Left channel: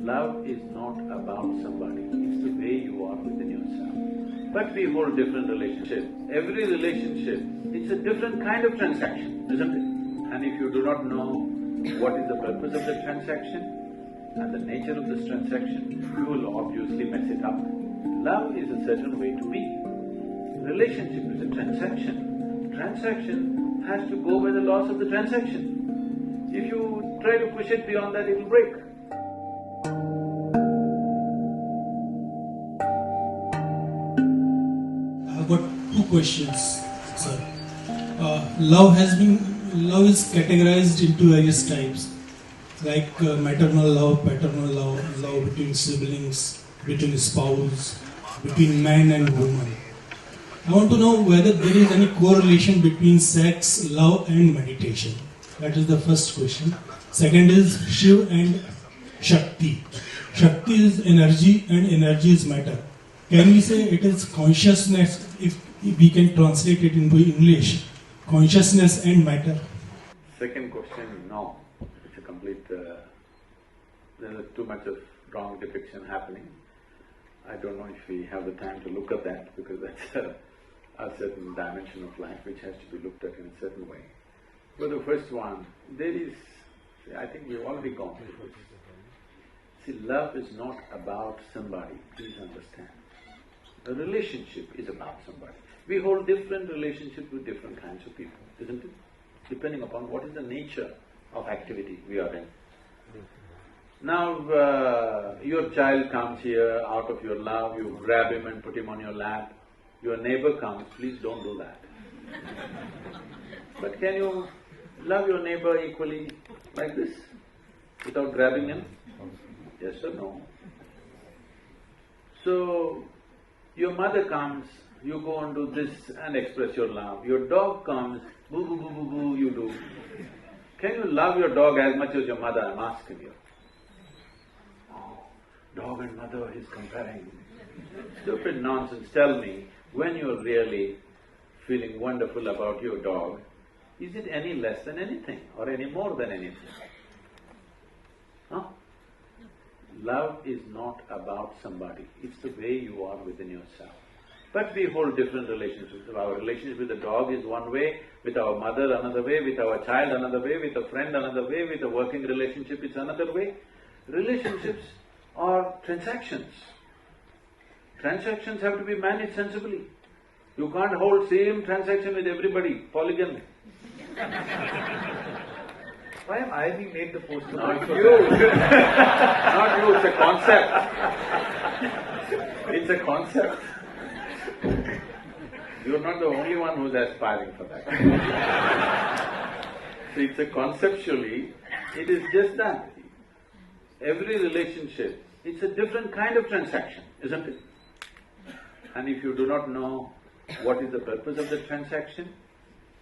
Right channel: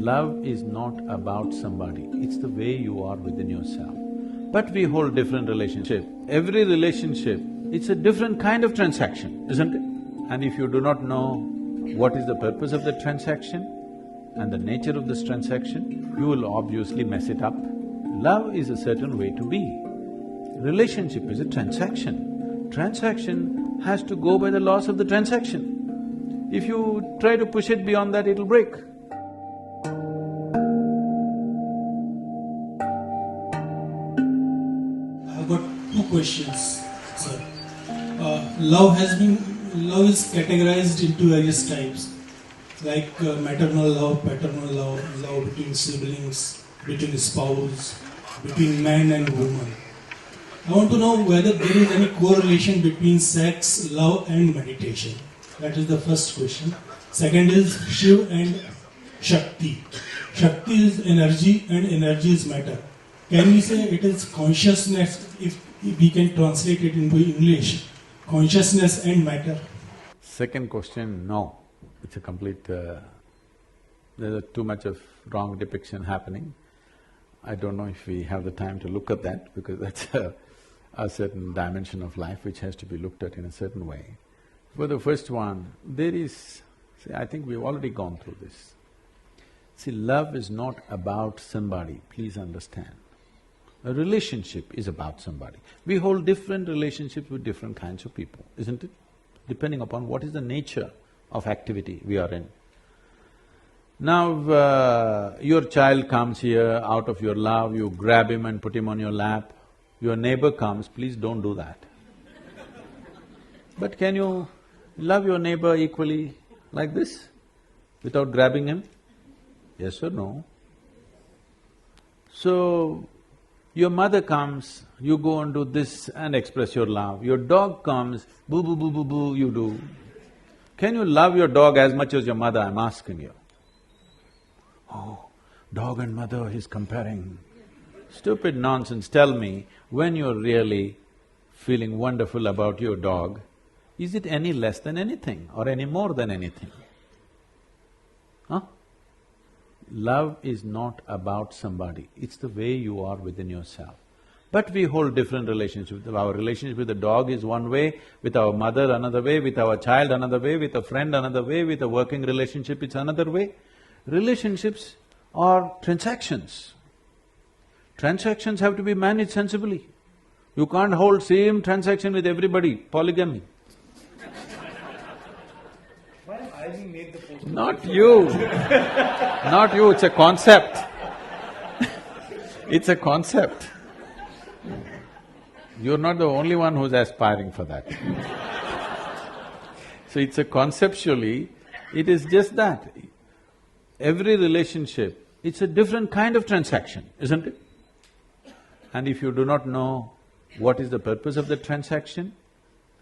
Love is not about somebody, it's the way you are within yourself. But we hold different relationship. Every relationship, it's a different kind of transaction, isn't it? And if you do not know what is the purpose of the transaction and the nature of this transaction, you will obviously mess it up. Love is a certain way to be. Relationship is a transaction. Transaction has to go by the laws of the transaction. If you try to push it beyond that, it'll break. I've got two questions, sir. Love is categorized into various types, like maternal love, paternal love, love between siblings, between spouse, between man and woman. I want to know whether there is any correlation between sex, love and meditation. That is the first question. Second is Shiv and Shakti. Shakti is energy and energy is matter. Can we say it is consciousness, if we can translate it into English, consciousness and matter? Second question, no. It's a complete… there's too much of wrong depiction happening. I don't know if we have the time to look at that because that's a certain dimension of life which has to be looked at in a certain way. For the first one, there is… see, I think we've already gone through this. See, love is not about somebody, please understand. A relationship is about somebody. We hold different relationships with different kinds of people, isn't it? Depending upon what is the nature of activity we are in. Now, your child comes here, out of your love, you grab him and put him on your lap. Your neighbor comes, please don't do that. But can you love your neighbor equally like this, without grabbing him? Yes or no? So, your mother comes, you go and do this and express your love. Your dog comes, boo boo boo boo boo, you do. Can you love your dog as much as your mother? I'm asking you. Oh, dog and mother, he's comparing. Stupid nonsense, tell me, when you're really feeling wonderful about your dog, is it any less than anything or any more than anything? Huh? Love is not about somebody, it's the way you are within yourself. But we hold different relationships. Our relationship with the dog is one way, with our mother another way, with our child another way, with a friend another way, with a working relationship it's another way. Relationships are transactions. Transactions have to be managed sensibly. You can't hold same transaction with everybody, polygamy. Why am I being made the poster? Not you, not you, it's a concept. It's a concept. You're not the only one who's aspiring for that. So it's a conceptually, it is just that. Every relationship, it's a different kind of transaction, isn't it? And if you do not know what is the purpose of the transaction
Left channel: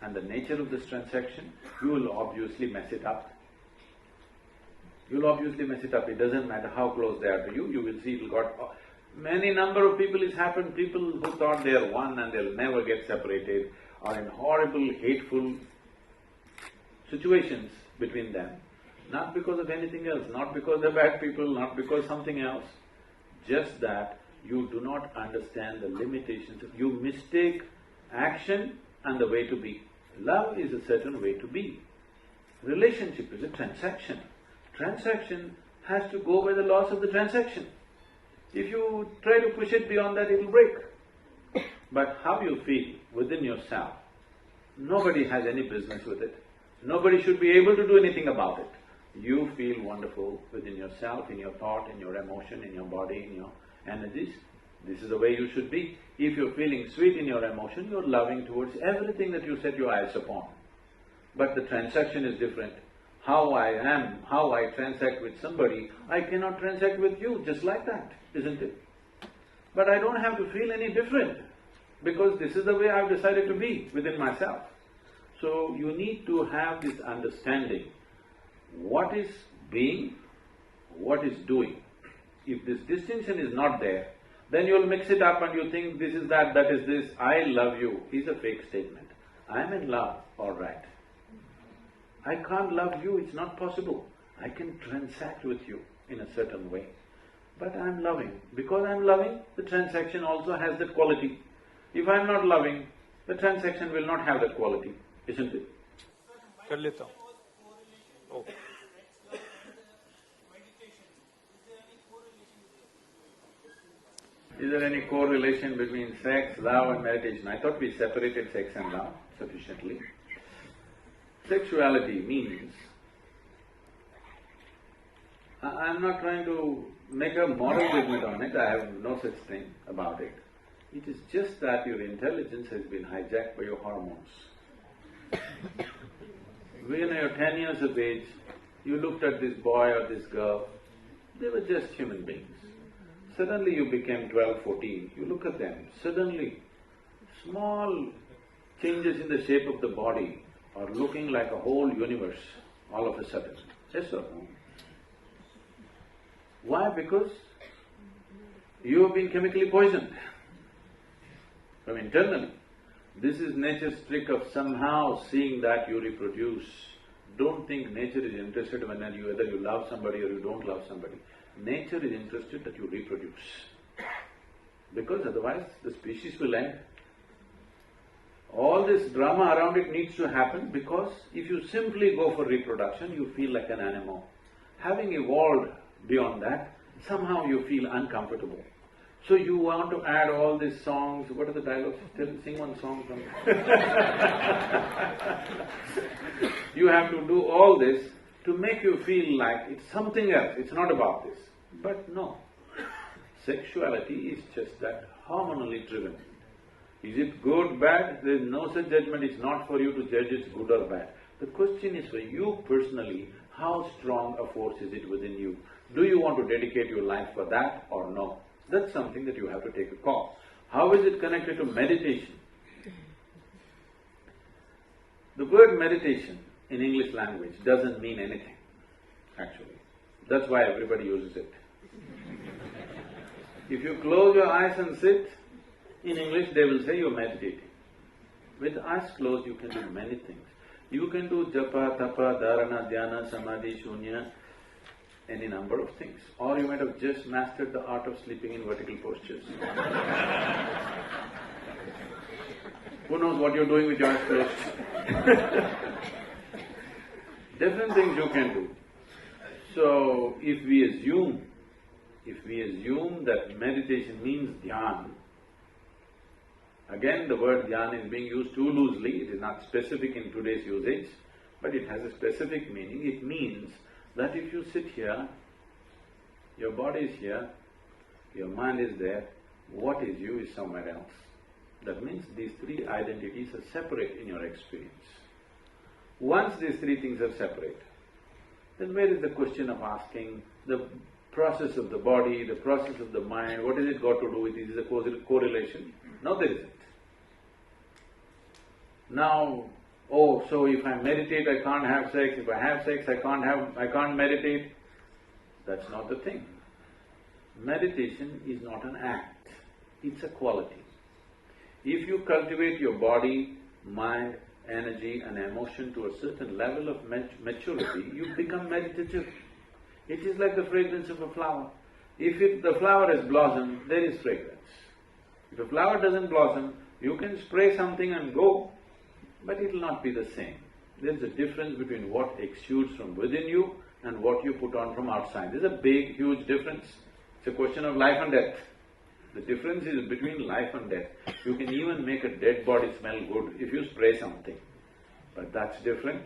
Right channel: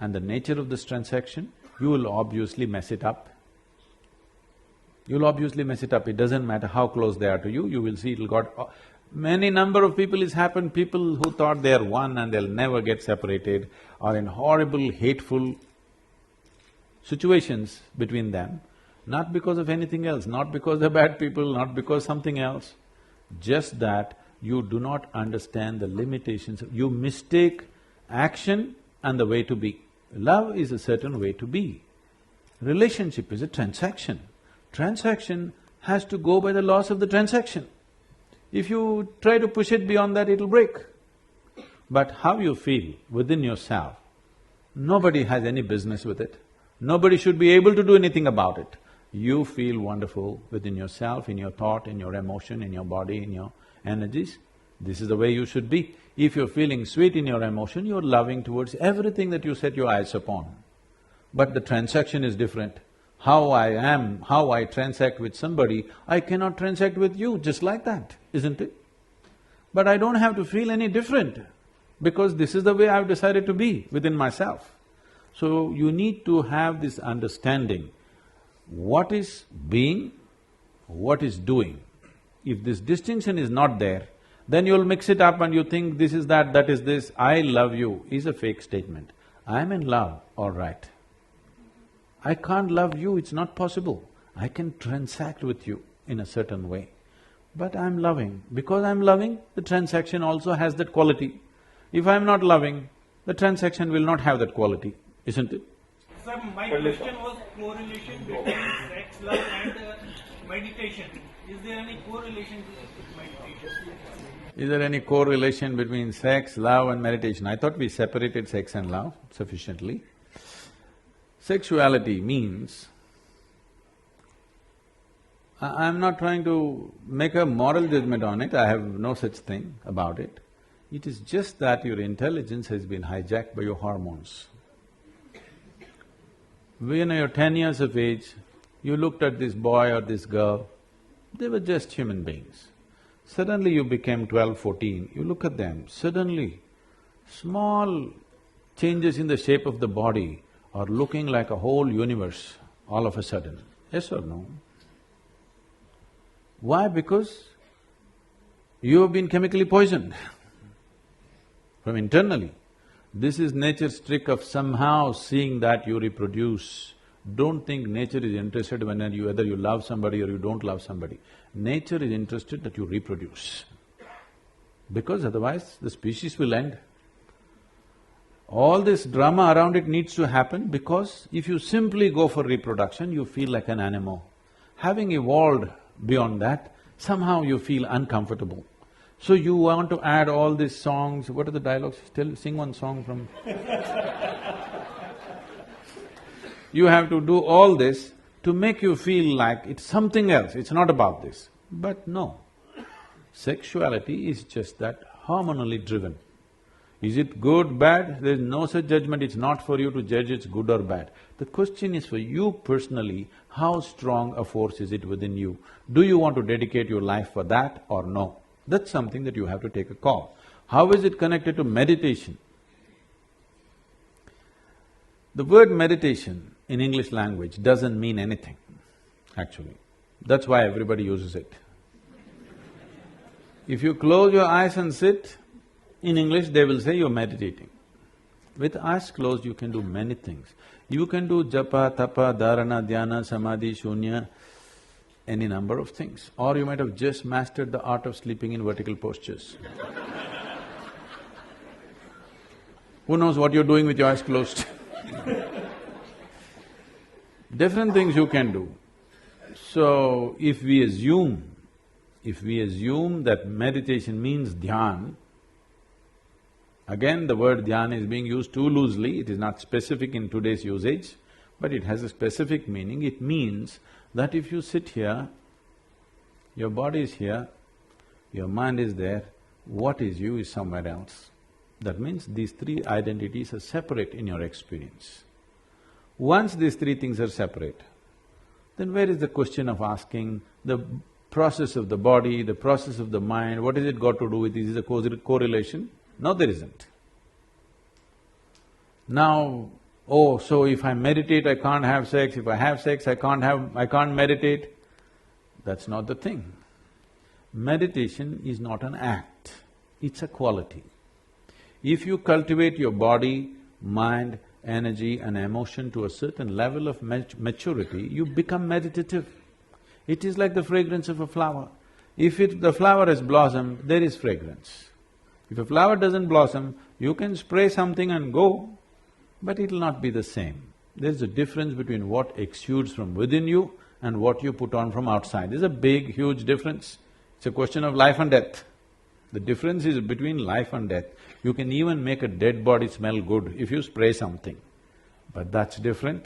and the nature of this transaction, you will obviously mess it up. You'll obviously mess it up, it doesn't matter how close they are to you, you will see it'll got… many number of people it's happened, people who thought they're one and they'll never get separated are in horrible, hateful situations between them, not because of anything else, not because they're bad people, not because something else, just that you do not understand the limitations, you mistake action and the way to be. Love is a certain way to be. Relationship is a transaction. Transaction has to go by the laws of the transaction. If you try to push it beyond that, it'll break. But how you feel within yourself, nobody has any business with it. Nobody should be able to do anything about it. You feel wonderful within yourself, in your thought, in your emotion, in your body, in your energies. This is the way you should be. If you're feeling sweet in your emotion, you're loving towards everything that you set your eyes upon. But the transaction is different. How I am, how I transact with somebody, I cannot transact with you just like that, isn't it? But I don't have to feel any different because this is the way I've decided to be within myself. So you need to have this understanding, what is being, what is doing. If this distinction is not there, then you'll mix it up and you think this is that is this. I love you is a fake statement. I'm in love, all right. I can't love you, it's not possible. I can transact with you, in a certain way. But I'm loving. Because I'm loving, the transaction also has that quality. If I'm not loving, the transaction will not have that quality, isn't it? Sir, my question was correlation between sex, love and meditation. Is there any correlation with meditation? Is there any correlation between sex, love and meditation? I thought we separated sex and love sufficiently. Sexuality means… I'm not trying to make a moral judgment on it, I have no such thing about it. It is just that your intelligence has been hijacked by your hormones. When you're 10 years of age, you looked at this boy or this girl, they were just human beings. Suddenly you became 12, 14, you look at them, suddenly small changes in the shape of the body are looking like a whole universe all of a sudden. Yes or no? Why? Because you have been chemically poisoned from internally. This is nature's trick of somehow seeing that you reproduce. Don't think nature is interested when whether you love somebody or you don't love somebody. Nature is interested that you reproduce, because otherwise the species will end. All this drama around it needs to happen because if you simply go for reproduction, you feel like an animal. Having evolved beyond that, somehow you feel uncomfortable. So you want to add all these songs, what are the dialogues? Sing one song from… You have to do all this to make you feel like it's something else, it's not about this. But no, sexuality is just that, hormonally driven. Is it good, bad? There is no such judgment, it's not for you to judge it's good or bad. The question is for you personally, how strong a force is it within you? Do you want to dedicate your life for that or no? That's something that you have to take a call. How is it connected to meditation? The word meditation in English language doesn't mean anything, actually. That's why everybody uses it. If you close your eyes and sit, in English they will say you're meditating. With eyes closed you can do many things. You can do japa, tapa, dharana, dhyana, samadhi, shunya, any number of things. Or you might have just mastered the art of sleeping in vertical postures. Who knows what you're doing with your eyes closed? Different things you can do. So, if we assume that meditation means dhyan, again the word dhyan is being used too loosely, it is not specific in today's usage, but it has a specific meaning. It means that if you sit here, your body is here, your mind is there, what is you is somewhere else. That means these three identities are separate in your experience. Once these three things are separate, then where is the question of asking the process of the body, the process of the mind, what has it got to do with this? Is there a correlation? No, there isn't. Now, oh, so if I meditate, I can't have sex, if I have sex, I can't meditate. That's not the thing. Meditation is not an act, it's a quality. If you cultivate your body, mind, energy and emotion to a certain level of maturity, you become meditative. It is like the fragrance of a flower. If the flower has blossomed, there is fragrance. If a flower doesn't blossom, you can spray something and go, but it'll not be the same. There's a difference between what exudes from within you and what you put on from outside. There's a big, huge difference. It's a question of life and death. The difference is between life and death. You can even make a dead body smell good if you spray something, but that's different.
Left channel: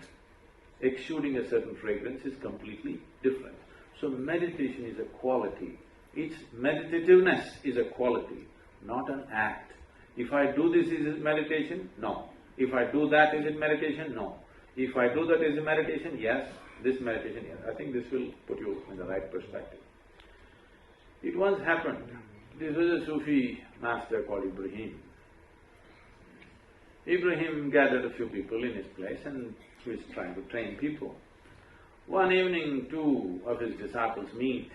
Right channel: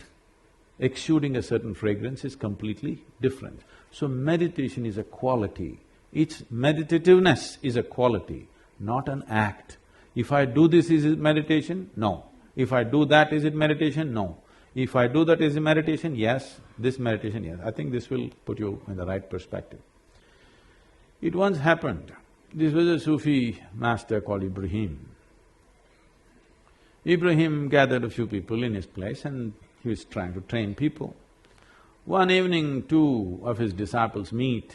Exuding a certain fragrance is completely different. So meditation is a quality. Its meditativeness is a quality, not an act. If I do this, is it meditation? No. If I do that, is it meditation? No. If I do that, is it meditation? Yes. This meditation, yes. I think this will put you in the right perspective. It once happened, this was a Sufi master called Ibrahim. Ibrahim gathered a few people in his place and he was trying to train people. One evening, two of his disciples meet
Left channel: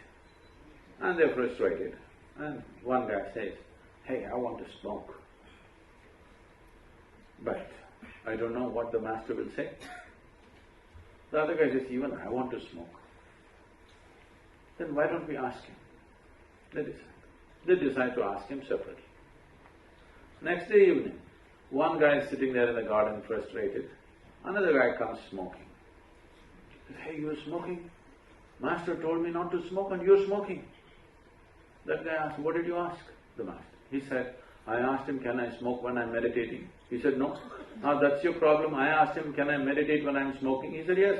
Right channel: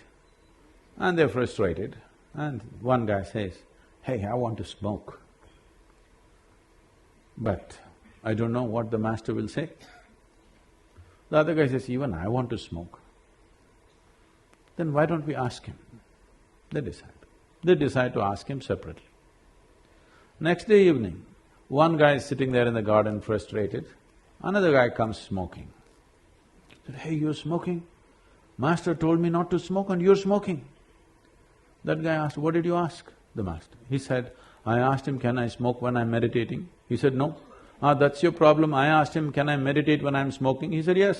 and they're frustrated, and one guy says, "Hey, I want to smoke, but I don't know what the master will say." The other guy says, "Even I want to smoke." then why don't we ask him? They decide. They decide to ask him separately. Next day evening, one guy is sitting there in the garden frustrated, another guy comes smoking. He said, "Hey, you're smoking? Master told me not to smoke and you're smoking." That guy asked, "What did you ask the master?" He said, "I asked him, can I smoke when I'm meditating?" He said, "No." "Ah, that's your problem. I asked him, can I meditate when I'm smoking?" He said, "Yes."